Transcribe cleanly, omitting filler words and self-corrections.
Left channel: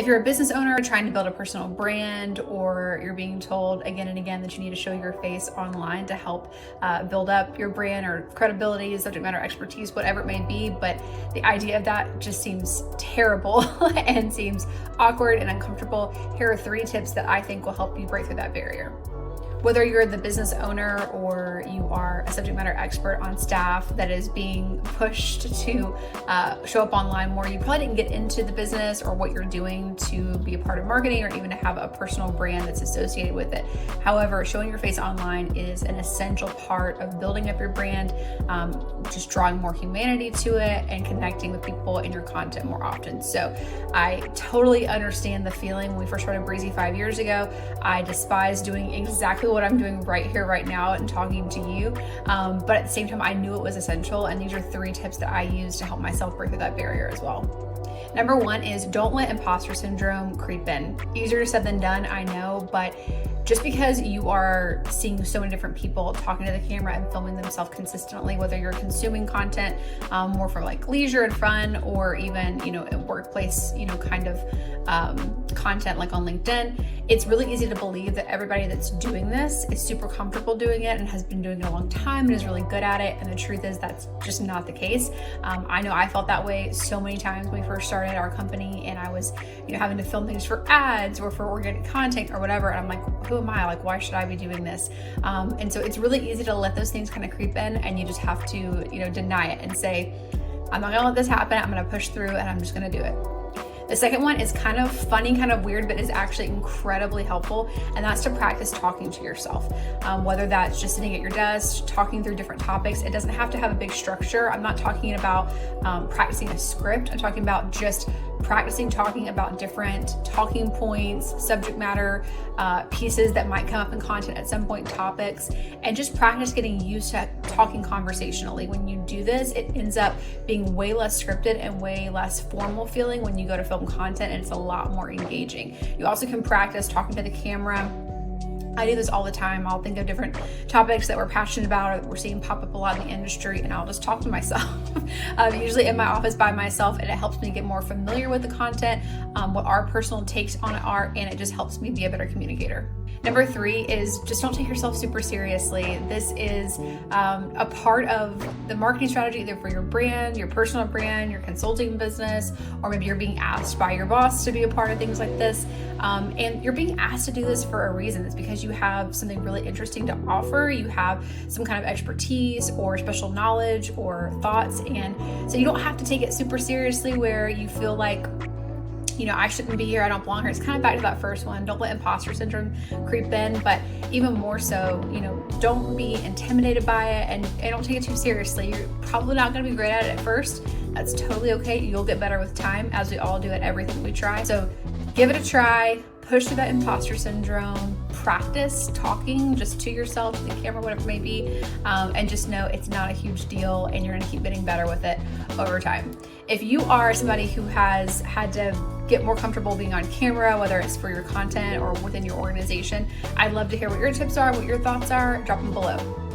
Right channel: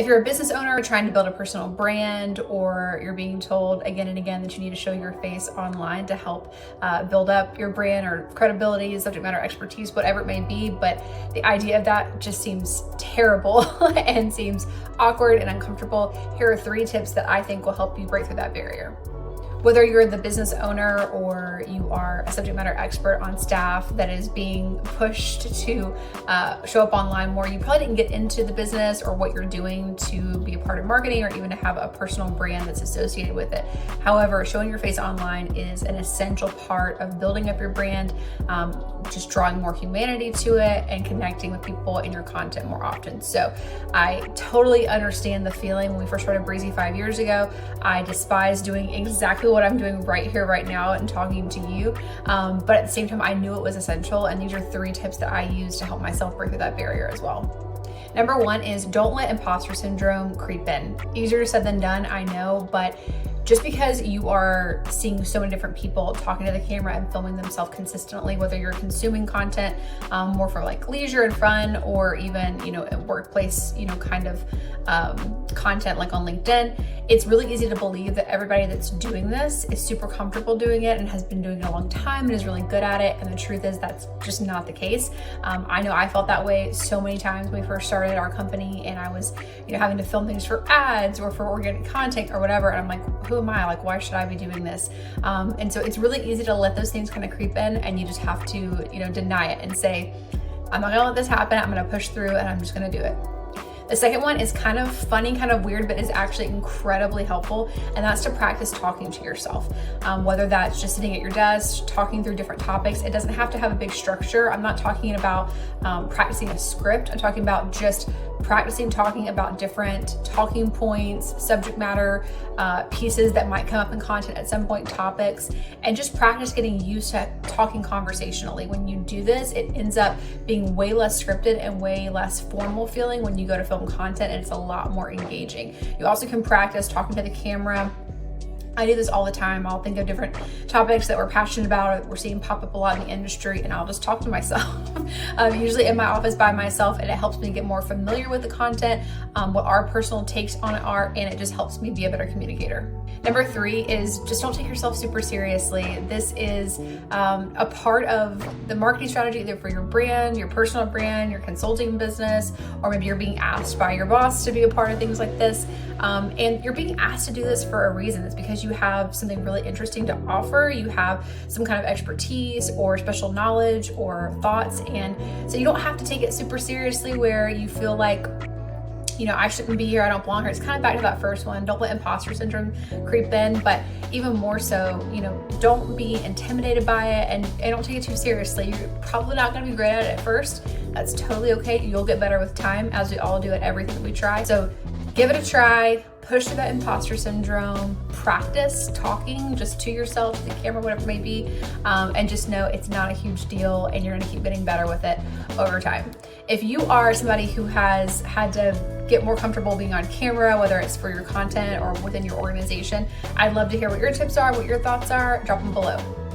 If you're a business owner trying to build a personal brand, or you're being told again and again that you need to show your face online to help build up your brand or credibility, subject matter expertise, whatever it may be, but the idea of that just seems terrible and seems awkward and uncomfortable, here are 3 tips that I think will help you break through that barrier. Whether you're the business owner or you are a subject matter expert on staff that is being pushed to show up online more, you probably didn't get into the business or what you're doing to be a part of marketing or even to have a personal brand that's associated with it. However, showing your face online is an essential part of building up your brand, just drawing more humanity to it and connecting with people in your content more often. So I totally understand the feeling. When we first started Breezy 5 years ago, I despised doing exactly what I'm doing right here, right now, and talking to you. But at the same time, I knew it was essential. And these are 3 tips that I use to help myself break through that barrier as well. Number 1 is don't let imposter syndrome creep in. Easier said than done, I know, but just because you are seeing so many different people talking to the camera and filming themselves consistently, whether you're consuming content more for like leisure and fun, or even, workplace, kind of content like on LinkedIn, it's really easy to believe that everybody that's doing this is super comfortable doing it and has been doing it a long time and is really good at it. And the truth is that's just not the case. I know I felt that way so many times when we first started our company and I was, having to film things for ads or for organic content or whatever. And I'm like, who am I? Like, why should I be doing this? And so it's really easy to let those things kind of creep in, and you just have to, deny it and say, I'm not gonna let this happen. I'm gonna push through and I'm just gonna do it. The second one is kind of funny, kind of weird, but is actually incredibly helpful. And that's to practice talking to yourself. Whether that's just sitting at your desk, talking through different topics. It doesn't have to have a big structure. I'm not talking about practicing a script. I'm talking about just practicing talking about different talking points, subject matter pieces that might come up in content at some point, topics, and just practice getting used to talking conversationally. When you do this, it ends up being way less scripted and way less formal feeling when you go to film content, and it's a lot more engaging. You also can practice talking to the camera. I do this all the time. I'll think of different topics that we're passionate about or that we're seeing pop up a lot in the industry, and I'll just talk to myself. Usually in my office by myself, and it helps me get more familiar with the content, what our personal takes on it are, and it just helps me be a better communicator. Number 3 is just don't take yourself super seriously. This is a part of the marketing strategy, either for your brand, your personal brand, your consulting business, or maybe you're being asked by your boss to be a part of things like this. And you're being asked to do this for a reason. It's because you have something really interesting to offer. You have some kind of expertise or special knowledge or thoughts. And so you don't have to take it super seriously where you feel like, I shouldn't be here, I don't belong here. It's kind of back to that first one. Don't let imposter syndrome creep in, but even more so, don't be intimidated by it and don't take it too seriously. You're probably not going to be great at it at first. That's totally okay. You'll get better with time, as we all do at everything we try. So give it a try. Push through that imposter syndrome, practice talking just to yourself, to the camera, whatever it may be, and just know it's not a huge deal and you're gonna keep getting better with it over time. If you are somebody who has had to get more comfortable being on camera, whether it's for your content or within your organization, I'd love to hear what your tips are, what your thoughts are. Drop them below.